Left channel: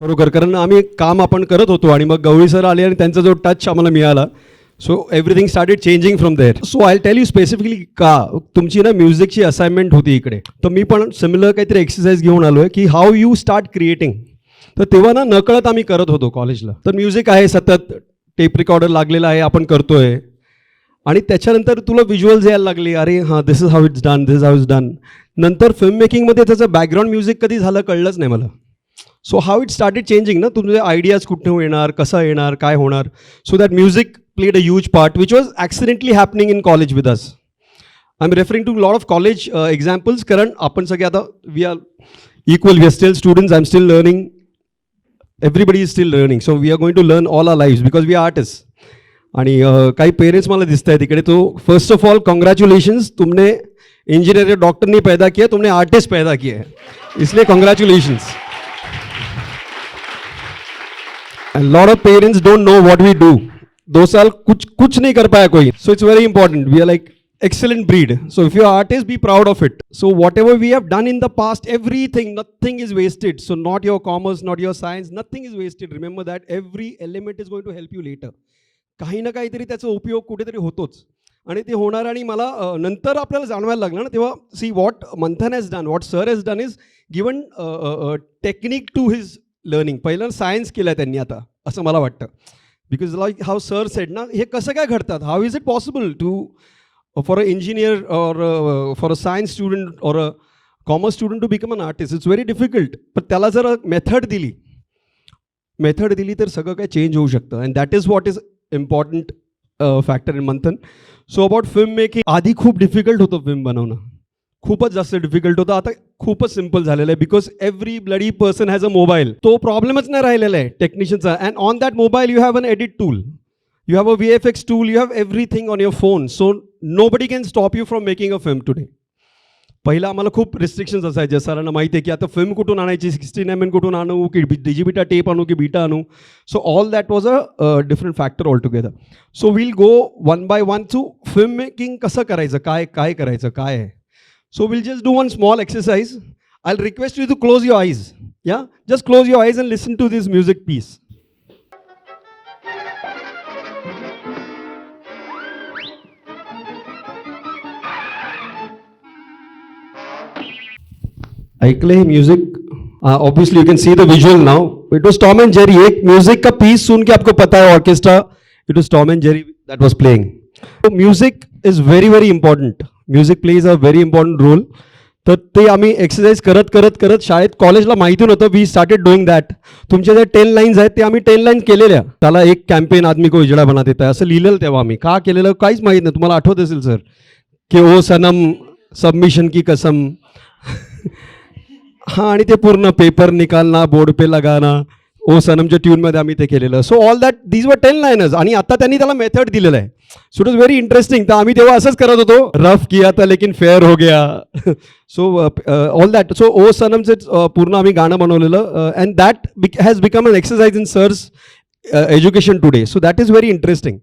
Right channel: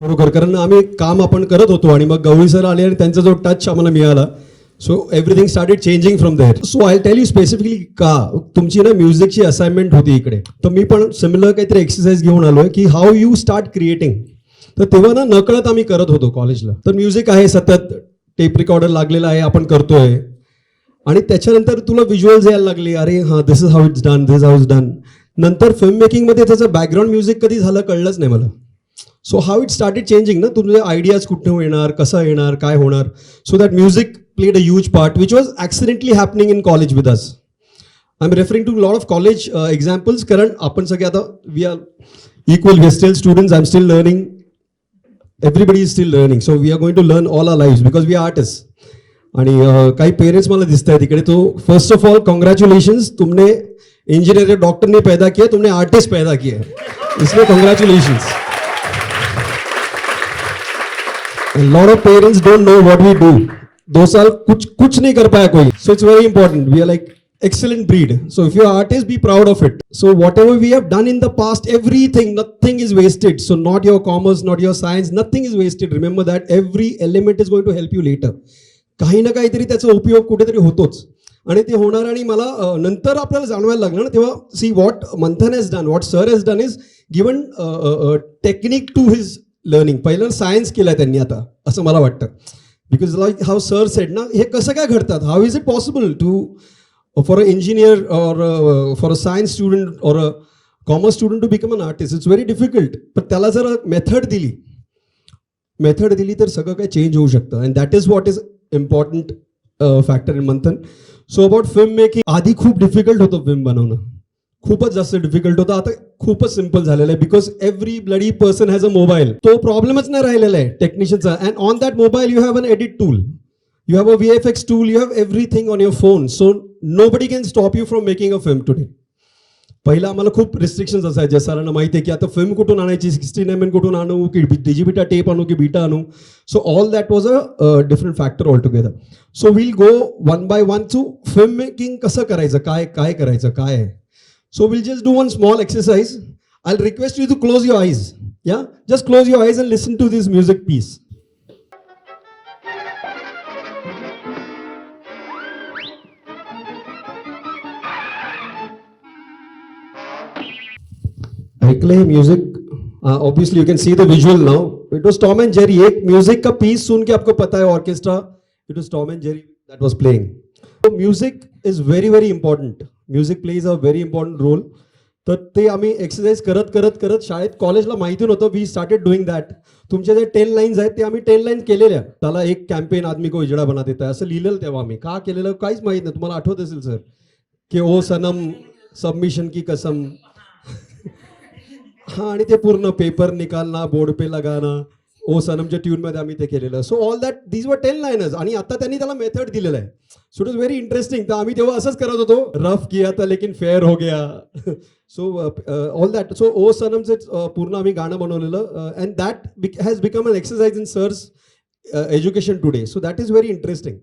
बरोबर, कारण आम्ही एक काम आपण करत होतो आणि मग गवळी सर आले आणि त्यांचा जो टच आम्हाला मिळाला, so everything started changing from there. So I tell you specifically का तुमची ना म्युझिकची असाइनमेंट होती इकडे, तर मी पण सिमिलर काहीतरी एक्सरसाइज घेऊन आलोय की हाऊ यू स्टार्ट क्रिएटिंग. तर तेव्हा ना नकळत आम्ही करत होतो कॉलेजला. तर म्युझिक आहे, सतत टेप रेकॉर्डर लागलेला आहे, आपण करतोय आणि त्याच्यानंतर तुला व्हिज्युअल्स यायला लागले, अरे हां this is how it's done, this is how it's done. नंतर फिल्म मेकिंगमध्ये त्याचं बॅकग्राऊंड म्युझिक कधी झालं कळलंच नाही मला. So how it started changing ना, तुझे आयडियाज कुठून येणार, कसं येणार, काय होणार. So that music played a huge part, which was accidentally happening in college with us. I'm referring to a lot of college examples. Karan, आपण सगळे आता we are equal, we are still students, I'm still learning, everybody is still learning. So we are going to learn all our lives because we are artists. आणि काही parents मला दिसत आहेत इकडे. तो फर्स्ट ऑफ ऑल कॉन्ग्रॅच्युलेशन्स, तुमने engineer या doctor नहीं पैदा किया, तुमने आर्टिस्ट पैदा किया है, इसलिए कॉन्ग्रॅच्युलेशन्स. And lot of parents don't know what we do. 2 साल कुछ नहीं कर पाया कोई. So it's very important. We are like excellent breed. So if you're an artist, be proud of it. So whatever we have done in the past, everything, nothing is wasted. So not your commerce, not your science, nothing is wasted. Remember that every element is going to help you later. काही ना काहीतरी त्याचा उपयोग कुठेतरी होतोच आणि ते होणार. आणि मला नंतर आपल्याला जाणवायला लागलं ना तेव्हा, see what Manthan has done, what sir has done is given technique to his learning. पहिलं सायन्स केलं त्यांनी आता, असं मला वाटतं. Because like how sir said ना, हे कसं काय घडतात, how is it possible to for a engineer or for a science student or a commerce student to become an artist. It's very difficult. पण त्याला जर मेथड दिली तर सगळं काय चेंज होऊ शकतं. And that is what is important factor in Manthan. So about film making, आधी खूप डिफिकल्ट होतं फिल्म बनवणं, खूपच जास्त डिफिकल्ट होतं. आता खूपच सिम्पल झालेलं आहे because every bloody person has a mobile. तो प्रॉब्लेमच नाही राहिलेला आहे टेक्निशियनचा. And on that mobile you have an edit tool, you have a VFX tool, you have everything on your phone. So nobody can stop you from making a film today. पहिला आम्हाला खूप restrictions असायचे. सरांना माहिती आहे की आता film कुठून आणायची, 16mm कुठून आणू, की डिजिबिटा टेप आणू की बीटा आणू. So all that was a different factor all together. So will go one by one two film making कसं करायचं, काय करायचं, काय आहे. So we'll just do one small exercise. I'll request you to close your eyes. Yeah? Just close your eyes and listen to this music piece. ऐकले music. Obviously you can see the visual now. It was Tom and Jerry. एक music का piece सुन के आपको पता है orchestra, it was Tom and Jerry that was playing. So music is very very important. Music plays a very important role. तर ते आम्ही exercise करत शाळेत कॉलेजला माहिती नव्हतं. We started doing that. तुमच्या ज्या 10 लाईन्स आहेत ते आम्ही 10 लाईन्स केलेल्या. त्याला एक कॅम्पेन आदमी को उजड़ा बना देता है असं लिहिलेलं तेव्हा आम्ही. का केलेलं काहीच माहीत नाही. तुम्हाला आठवत असेल सर की ओ सनम सबमिशन की कसम. हां, आणि ते पूर्ण पेपर निकालना, बोर्ड पे लगाना, ओ सनमच्या ट्यूनमध्ये आम्ही ते केलेलं. So all that these were 10 लाईनर्स. आणि आता त्यांनी त्याला मेथड दिलेलं आहे. So it was very interesting. तर आम्ही तेव्हा असंच करत होतो, रफ किया था लेकिन फेअर हो गया. So all that. सो ओ सनमचं पूर्ण आम्ही गाणं बनवलेलं. And that has become an exercise in sirs education today. So that is very interesting.